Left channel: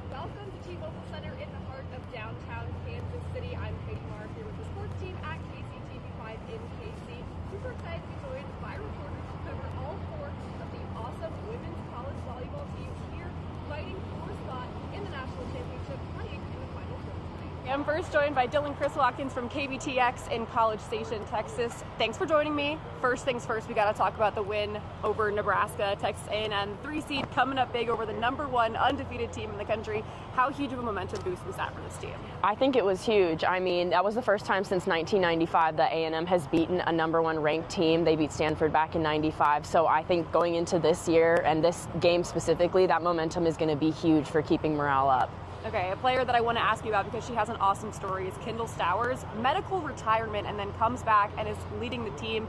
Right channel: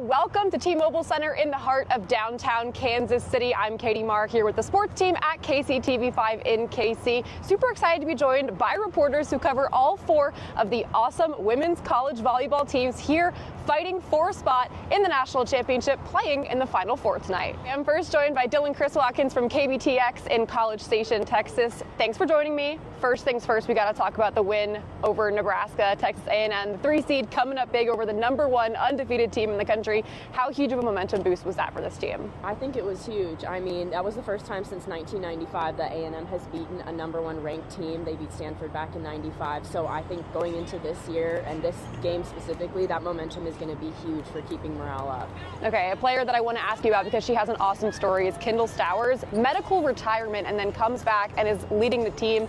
and welcome to T-Mobile Center in the heart of downtown Kansas City. I'm Katie Mark here with the sports team at KCTV5 in KC. Super excited to be joined by reporters who cover all four of the awesome women's college volleyball teams here fighting for a spot in the national championship, playing in the Final Four tonight. I'm first joined by Dylan Chris Watkins from KBTX in College Station, Texas. Thanks for joining me. First things first, we got to talk about the win over Nebraska, Texas A&M, the 3 seed coming up big over the #1 undefeated team in the country. How huge of a momentum boost was that for this team? I think it was huge. I mean, that was the first time since 1995 that A&M has beaten a #1 ranked team. They beat Stanford back in '95. So I think going into this year and this game specifically, that momentum is going to be huge for keeping morale up. Okay, a player that I want to ask you about because she has an awesome story is Kendall Stowers. Medical retirement and then comes back and is leading the team.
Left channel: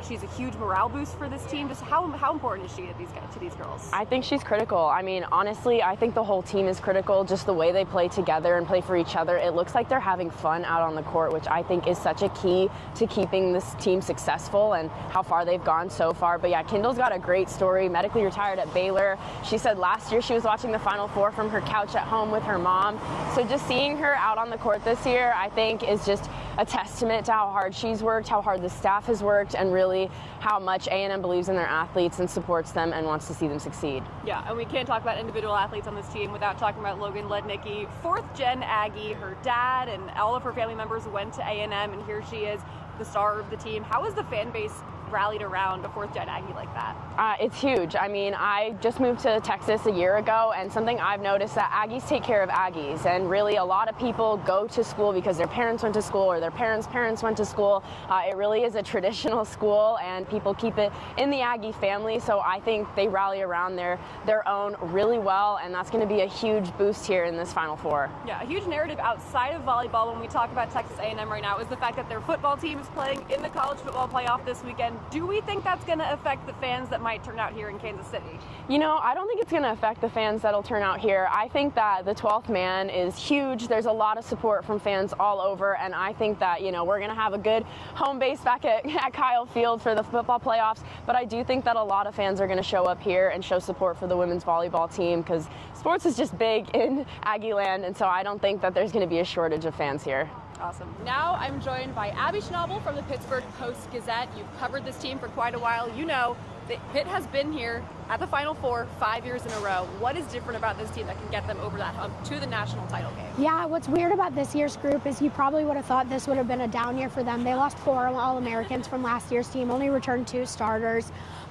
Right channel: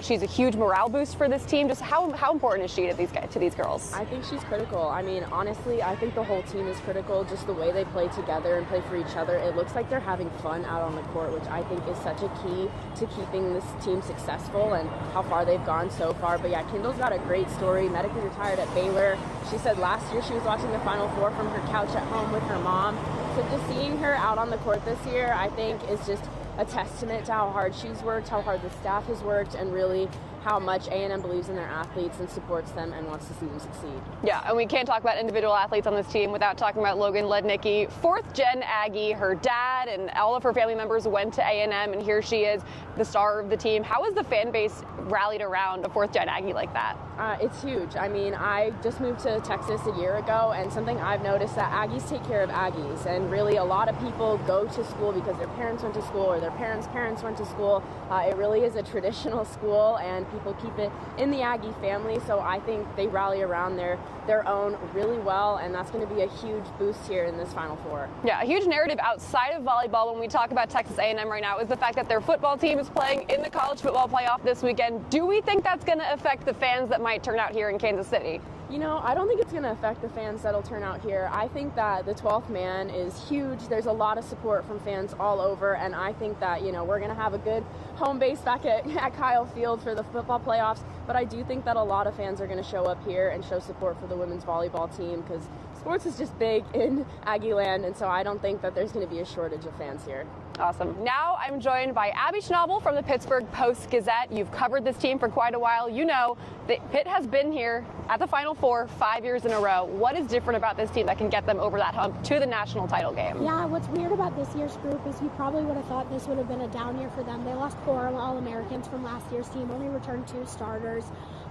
She's a huge morale boost for this team. Just how important is she to these girls? I think she's critical. I mean, honestly, I think the whole team is critical. Just the way they play together and play for each other. It looks like they're having fun out on the court, which I think is such a key to keeping this team successful and how far they've gone so far. But yeah, Kendall's got a great story. Medically retired at Baylor. She said last year she was watching the Final Four from her couch at home with her mom. So just seeing her out on the court this year, I think, is just a testament to how hard she's worked, how hard the staff has worked, and really how much A&M believes in their athletes and supports them and wants to see them succeed. Yeah, and we can't talk about individual athletes on this team without talking about Logan Lednicki, 4th-gen Aggie. Her dad and all of her family members went to A&M, and here she is, the star of the team. How has the fan base rallied around a 4th-gen Aggie like that? It's huge. I mean, I just moved to Texas a year ago, and something I've noticed that Aggies take care of Aggies, and really a lot of people go to school because their parents went to school or their parents' parents went to school. It really is a traditional school, and people keep it in the Aggie family, so I think they rally around their own really well, and that's going to be a huge boost here in this Final Four. Yeah, a huge narrative outside of volleyball when we talk about Texas A&M right now is the fact that their football team is playing in the college football playoff this weekend. Do we think that's going to affect the fans that might turn out here in Kansas City? You know, I don't think it's going to affect the fans that'll turn out here. I think that the 12th man is huge. There's a lot of support from fans all over, and I think that, you know, we're going to have a good home base back at Kyle Field for the football playoffs, but I do think that a lot of fans are going to show up here and show support for the women's volleyball team because sports is just big in Aggie land, and so I don't think that there's going to be a shortage of fans here. Awesome. Now I'm joined by Abby Schnabel from the Pittsburgh Post-Gazette. You've covered this team for quite a while. You know that Pitt has been here at the Final Four 5 years in a row. What is different about this team that can get them over that hump to the national title game? Yeah, what's weird about this year's group is you probably would have thought this would have been a down year for them. They lost 4 All-Americans from last year's team, only returned 2 starters.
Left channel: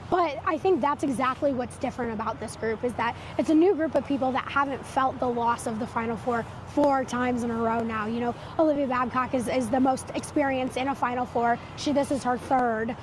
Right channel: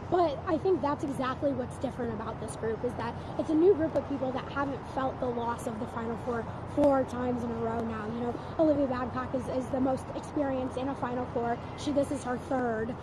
But I think that's exactly what's different about this group is that it's a new group of people that haven't felt the loss of the Final Four 4 times in a row now. You know, Olivia Babcock is the most experienced in a Final Four. This is her 3rd,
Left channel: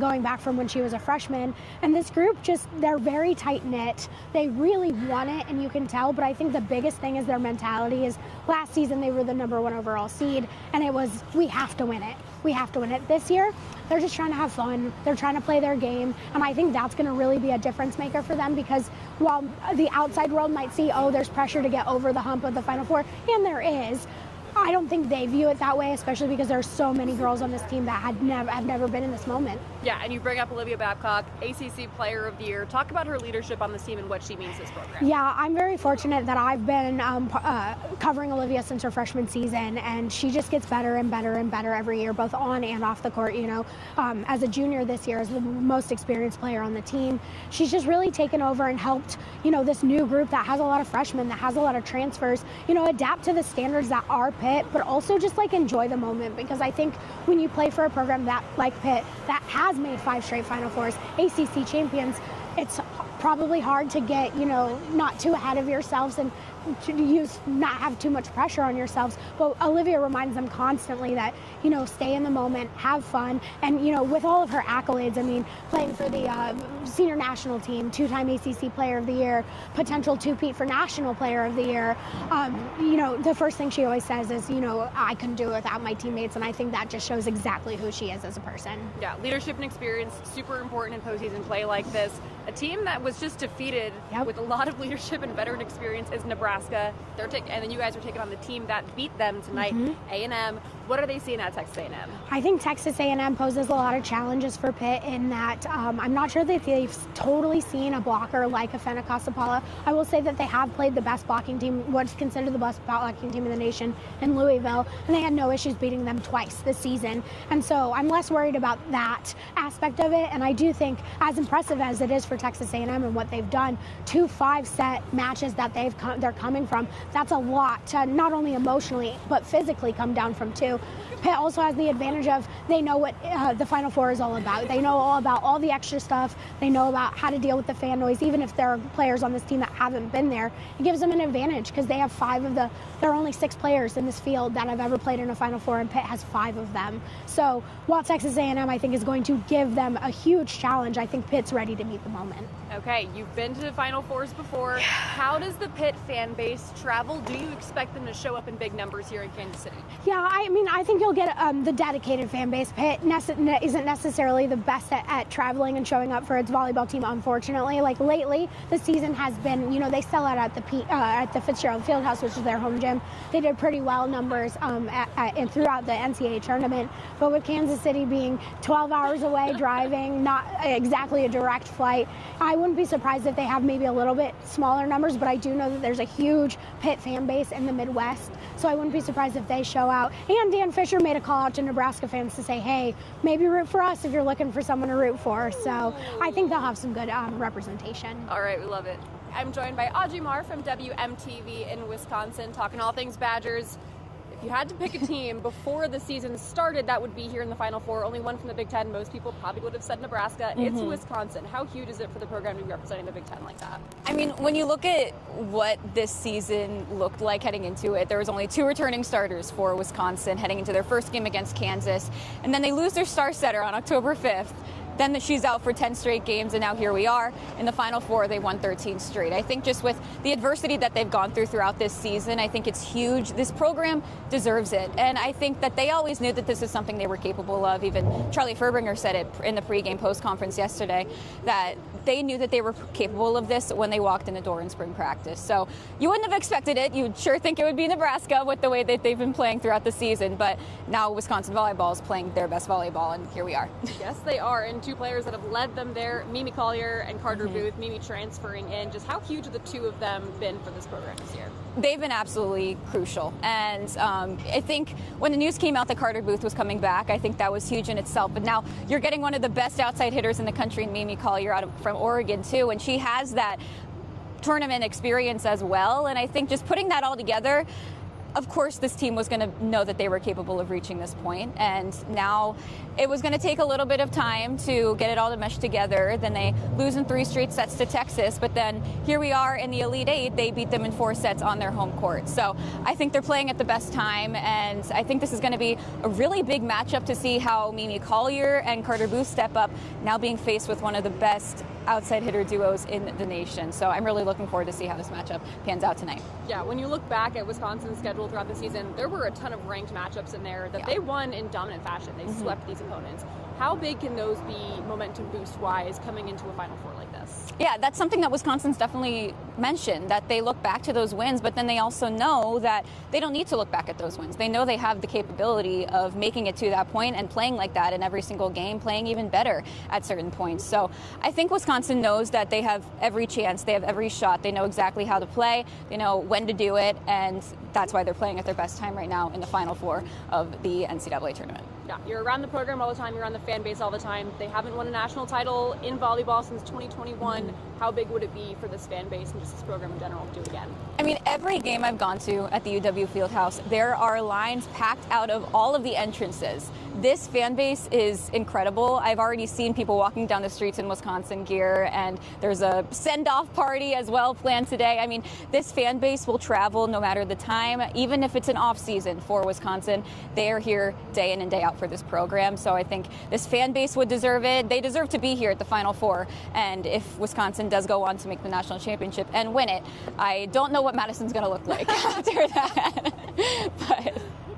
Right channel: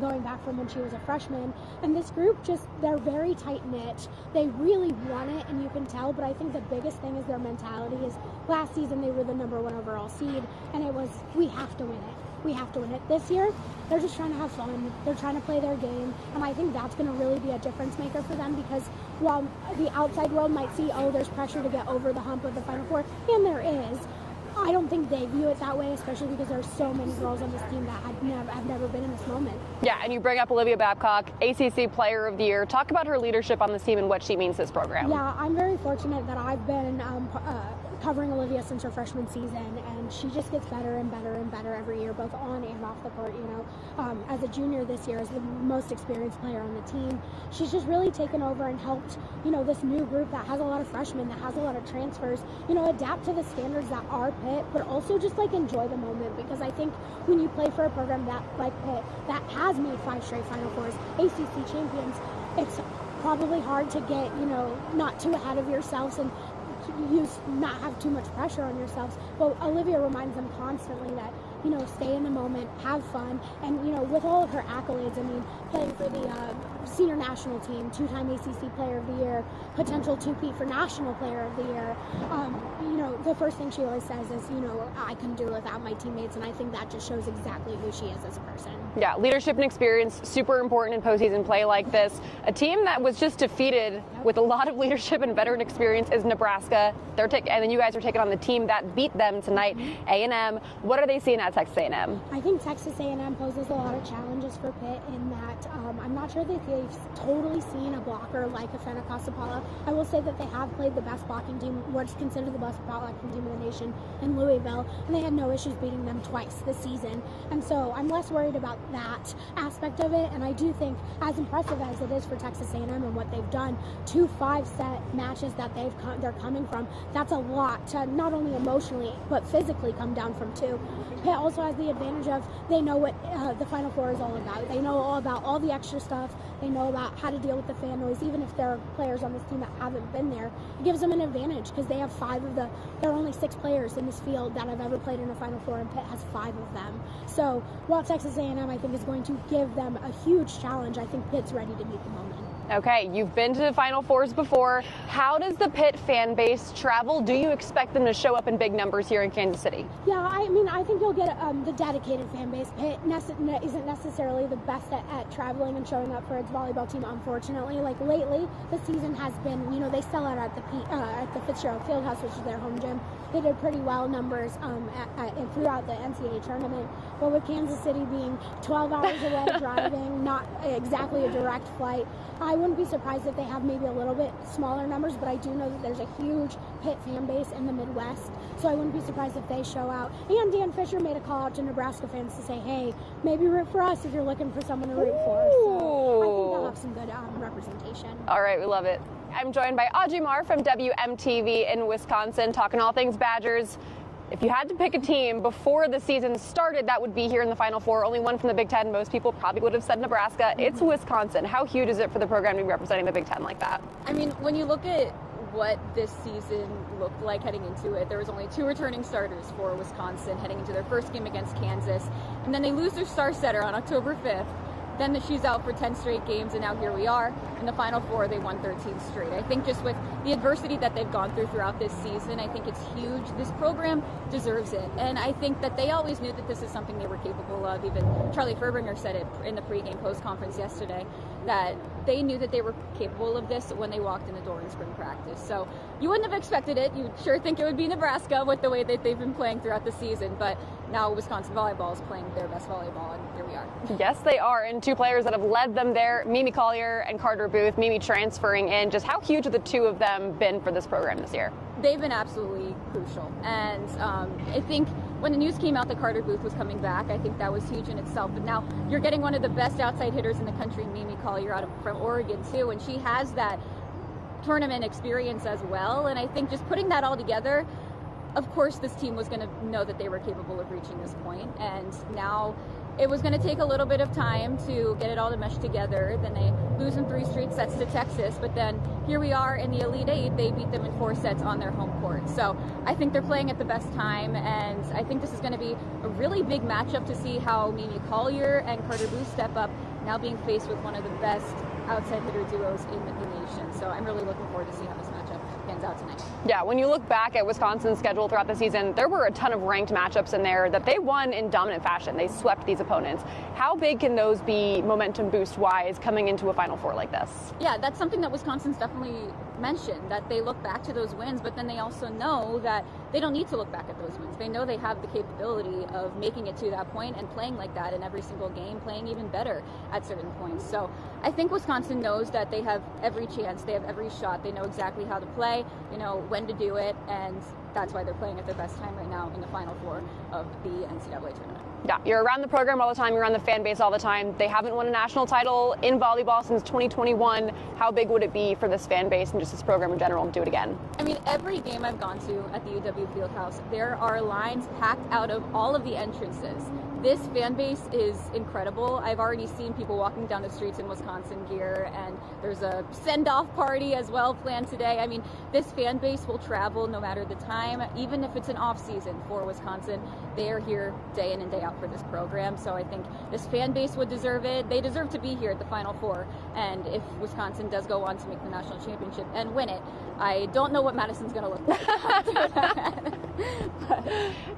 going back from when she was a freshman. And this group they're very tight-knit. They really want it, and you can tell. But I think the biggest thing is their mentality is last season they were the #1 overall seed, and it was, we have to win it. We have to win it. This year, they're just trying to have fun. They're trying to play their game. And I think that's going to really be a difference maker for them because while the outside world might see, oh, there's pressure to get over the hump of the Final Four, and there is, I don't think they view it that way, especially because there's so many girls on this team that have never been in this moment. Yeah, and you bring up Olivia Babcock, ACC Player of the Year. Talk about her leadership on this team and what she means to this program. Yeah, I'm very fortunate that I've been covering Olivia since her freshman season, and she just gets better and better and better every year, both on and off the court. You know, as a junior this year, as the most experienced player on the team, she's just really taken over and helped, you know, this new group that has a lot of freshmen, that has a lot of transfers, you know, adapt to the standards that are Pitt, but also just like enjoy the moment, because I think when you play for a program that like Pitt that has made 5 straight Final Fours, ACC champions, it's probably hard to get, you know, not too ahead of yourselves and to not have too much pressure on yourselves. But Olivia reminds them constantly that, you know, stay in the moment, have fun, and, you know, with all of her accolades, I mean, playing for the senior national team, 2-time ACC Player of the Year, potential 2-peat for National Player of the Year, you know, the first thing she always says is, you know, I couldn't do it without my teammates, and I think that just shows exactly who she is as a person. Yeah, leadership and experience, super important in postseason play like this. A team that was was just defeated with a lot of leadership and veteran experience is Nebraska. And then you guys are taking on the team that beat them tonight, A&M. What are they seeing at Texas A&M? I think Texas A&M poses a lot of challenges for Pitt in that I'm not sure that they've totally seen a blocker like a Fenneca-Sapala. I will say that they have played the best blocking team, what's considered the best blocking team in the nation, in Louisville, and they had no issues beating them twice this season. And so I'm less worried about that aspect of it. And I do think, as impressive as it is for Texas A&M and what they've done, 2 5-set matches that they're coming from, that's a lot to not only emotionally but physically come down from 2. Pitt also has the advantage of they know what the Final Four is all about. They know all about all the extra stuff. They know about how to deal with the fan noise. Even if there are players on this team that haven't been there, it gives them an advantage because they have there are only 6 players in this field that have ever played in a Final Four, and Pitt has 5 of them. So while Texas A&M, I think, is going to give them a huge challenge, I think Pitt's ready to meet the moment. Okay, you've been to the Final Fours before. How does the Pitt fan base travel? Do you expect them to show up in big numbers here in Kansas City? Yeah, I mean, I think you'll get the dedicated fan base. Pitt isn't necessarily the best at traveling and showing up for its volleyball team, unfortunately. Like lately, the season has been, they sell out at the Fitzgerald Fieldhouse, which is their home gym. They did pretty well numbers throughout the NCAA tournament. But with Kansas City being 12 hours away driving, not exactly a direct flight, I wouldn't be surprised if they have maybe a little bit smaller numbers, but I do know that there's a huge Pitt fan base in the Midwest, so I wouldn't be surprised if they show out. And Dan Fisher made a call out to Nebraska fans to say, hey, maybe root for us if you're looking for someone to root for. So I think they'll have some good representation. All right, we love it. I'm joined by Audrey Marr from WMTV in Wisconsin, talking all things Badgers. If you had to pick a team before the season started that would be here in the Final Four, only one from the Big Ten, most people probably would have said Nebraska. It's Wisconsin. How huge is it for the program to be representing the Big Ten like that? I mean, when you look at what this season looked like heading into it, there was only 2 returning starters for Wisconsin heading into their first game against Kansas, and then they lose their star setter on October 5th. Then she's out for 10 straight games, and now here we are in the Final Four. They won 13 straight. I think just with the adversity that they've gone throughout this season, I think it's huge. This program deserves it, and I think that they always knew that this was something they were capable of. Even Charlie Furbringer said it in the pregame post conference yesterday, that they knew that they were capable of this when they walked in the door in spring practice. So you wouldn't have expected it. You'd sure think it would be Nebraska with the way that they've been playing throughout the season, but now Wisconsin volleyball is playing their best volleyball, and here we are. Yes, they are, and 2 players that have led them there, Mimi Collier and Carter Booth. Mimi transferring in. Just how huge have the 2 of them been for this program this year? They've been absolutely crucial, and I think when the news came out that Carter Booth was coming back, I think that was huge in itself. But now you're getting one of the best outside hitters in the country, in Mimi Collier from Oregon too, and she has that tournament experience as well. And I think just putting that all together, of course, this team was going to know that they were capable of reaching this point, and now it was going to take a little bit of time to get it all to mesh together. Then they lose in 3 straight sets to Texas, but then here we are in the Elite 8. They beat them in 4 sets on their home court. So I think they're playing at the best time, and I think this is going to be a really big matchup to see how Mimi Collier and Carter Booth step up, now being faced with one of the best outside hitter duos in the nation. So I'm really looking forward to see how this matchup pans out tonight. Yeah, when you look back at Wisconsin's schedule throughout the season, there were a ton of ranked matchups in there that they won in dominant fashion. They swept these opponents. How big can those be momentum boost wise coming into a Final Four like this? Yeah, that's something that Wisconsin's definitely mentioned, that they look back to those wins, but then they also know that they don't need to look back at those wins. They know they have the capability of making it to that point and playing like that in every single game, playing even better at certain points. So I think Wisconsin knows that they have every chance, they have every shot, they know exactly how to play, they know when to do it, and that's why they're playing at their best time right now in the Final Four of the NCAA tournament. Yeah, you're around the program all the time, you're around the fan base all the time. They haven't won a national title in volleyball since 2021. How big would it be for this fan base and just this program in general to do it again? I mean, every game I've gone to at the UW Fieldhouse, there are lines packed out of all of the entrances. This fan base is incredible. I've already seen people walking down the streets in Wisconsin gear, and there's a send-off party as well planned today. I mean, this fan base will travel no matter the time, even if it's an off-season for Wisconsin. They are here day in and day out for this program, so I think this fan base would deserve it. They deserve to be here at the Final Four, and if Wisconsin does go on to make the national championship and win it, I don't know what Madison's going to look like after that. But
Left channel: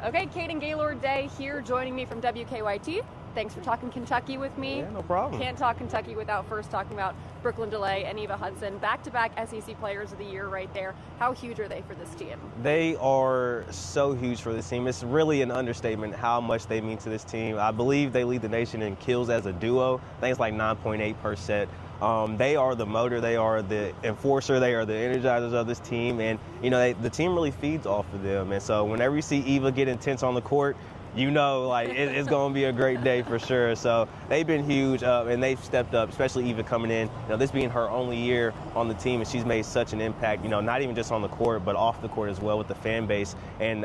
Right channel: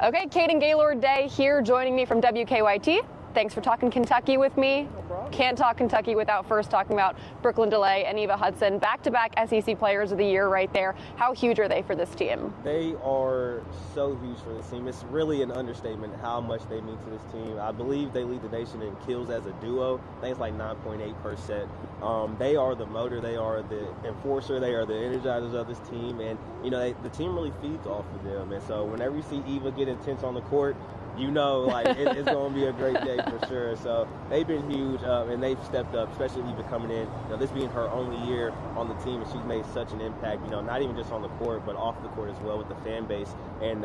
okay, Kaden Gaylord Day here joining me from WKYT. thanks for talking Kentucky with me. Yeah, no problem. Can't talk Kentucky without first talking about Brooklyn DeLay and Eva Hudson, back-to-back SEC Players of the Year right there. How huge are they for this team? They are so huge for this team. It's really an understatement how much they mean to this team. I believe they lead the nation in kills as a duo. I think it's like 9.8 per set. They are the motor, they are the enforcer, they are the energizers of this team, and the team really feeds off of them. And so whenever you see Eva get intense on the court, it's going to be a great day for sure. So they've been huge, and they've stepped up, especially Eva coming in. This being her only year on the team, and she's made such an impact, not even just on the court, but off the court as well with the fan base. And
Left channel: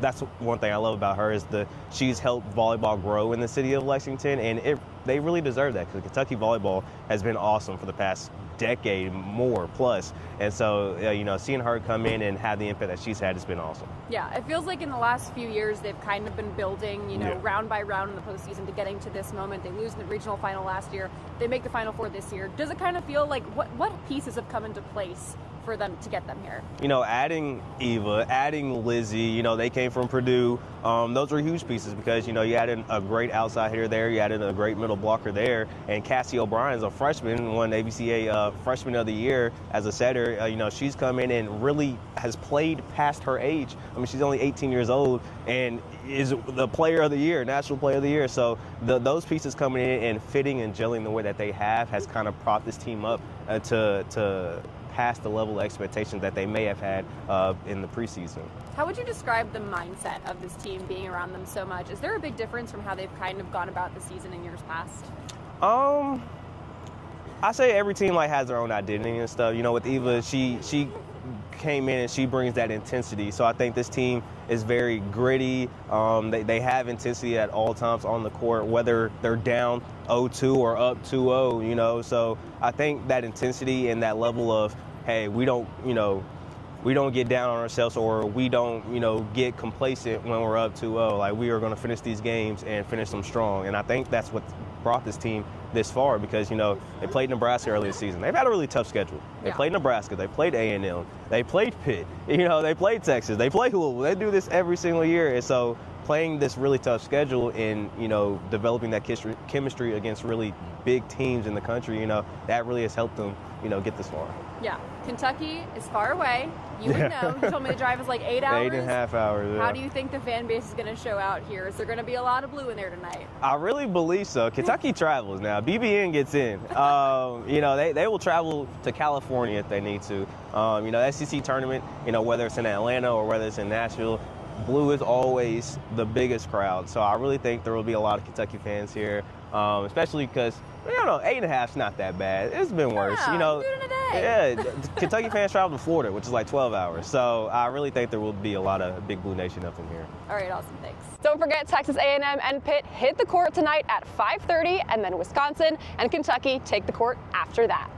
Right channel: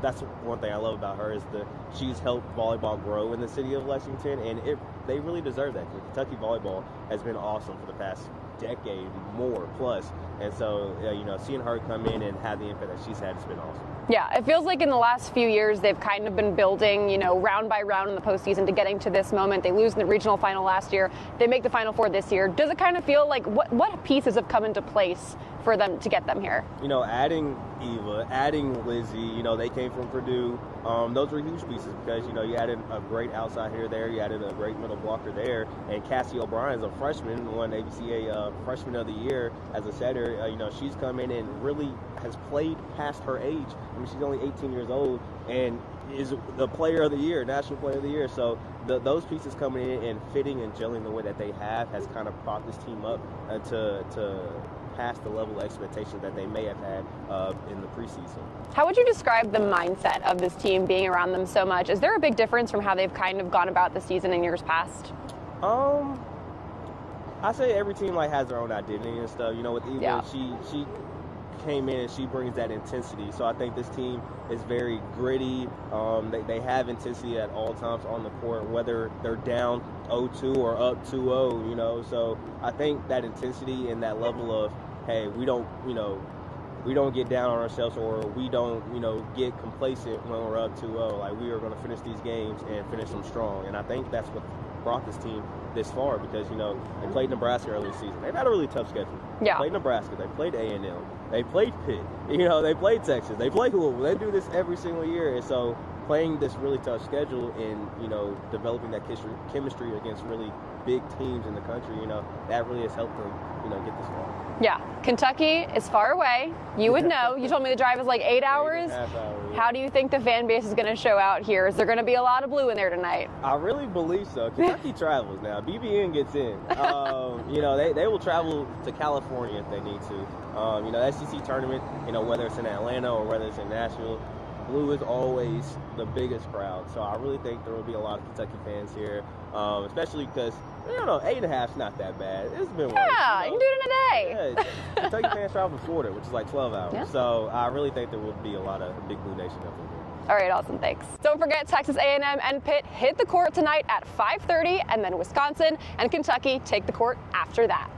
that's one thing I love about her is she's helped volleyball grow in the city of Lexington, and they really deserve that because Kentucky volleyball has been awesome for the past decade, more plus. And so, seeing her come in and have the impact that she's had has been awesome. Yeah, it feels like in the last few years they've kind of been building, round by round in the postseason to getting to this moment. They lose in the regional final last year. They make the Final Four this year. Does it kind of feel like what pieces have come into place for them to get them here? Adding Eva, adding Lizzie, they came from Purdue. Those were huge pieces because, you added a great outside hitter there. You added a great middle blocker there. And Cassie O'Brien's a freshman, won ABCA Freshman of the Year as a setter. She's come in and really has played past her age. I mean, she's only 18 years old and is the player of the year, national player of the year. So those pieces coming in and fitting and gelling the way that they have has kind of propped this team up to past the level of expectations that they may have had in the preseason. How would you describe the mindset of this team being around them so much? Is there a big difference from how they've kind of gone about the season in years past? I say every team has their own identity and stuff. With Eva, Yeah. she came in and she brings that intensity. So I think this team is very gritty. They have intensity at all times on the court, whether they're down 0-2 or up 2-0, So I think that intensity and that level of, hey, we don't get down on ourselves or we don't, get complacent when we're up 2-0. We are going to finish these games and finish them strong. And I think that's what brought this team this far because, they played Nebraska early this season. They've had a really tough schedule. They played Nebraska. They played A&M. They played Pitt. They played Texas. They played Louisville. They do this every single year. And so playing this really tough schedule and, developing that chemistry against really big teams in the country, that really has helped them, get this far. Yeah. Kentucky is far away. You would know. You told me the drive is like 8 hours. 8.5 hours. Yeah. How do you think the fan base is going to show out here? Is there going to be a lot of blue in there tonight? I really believe so. Kentucky travels now. BBN gets in. They will travel to California if they need to. The SEC tournament, whether it's in Atlanta or whether it's in Nashville, blue is always the biggest crowd. So I really think there will be a lot of Kentucky fans here, especially because, 8.5 is not that bad. It's been worse. Yeah, you can do it in a day. Yeah, Kentucky fans travel to Florida, which is like 12 hours. Yeah. So I really think there will be a lot of Big Blue Nation up in here. All right, awesome, thanks. Don't forget, Texas A&M and Pitt hit the court tonight at 5:30, and then Wisconsin and Kentucky take the court after that.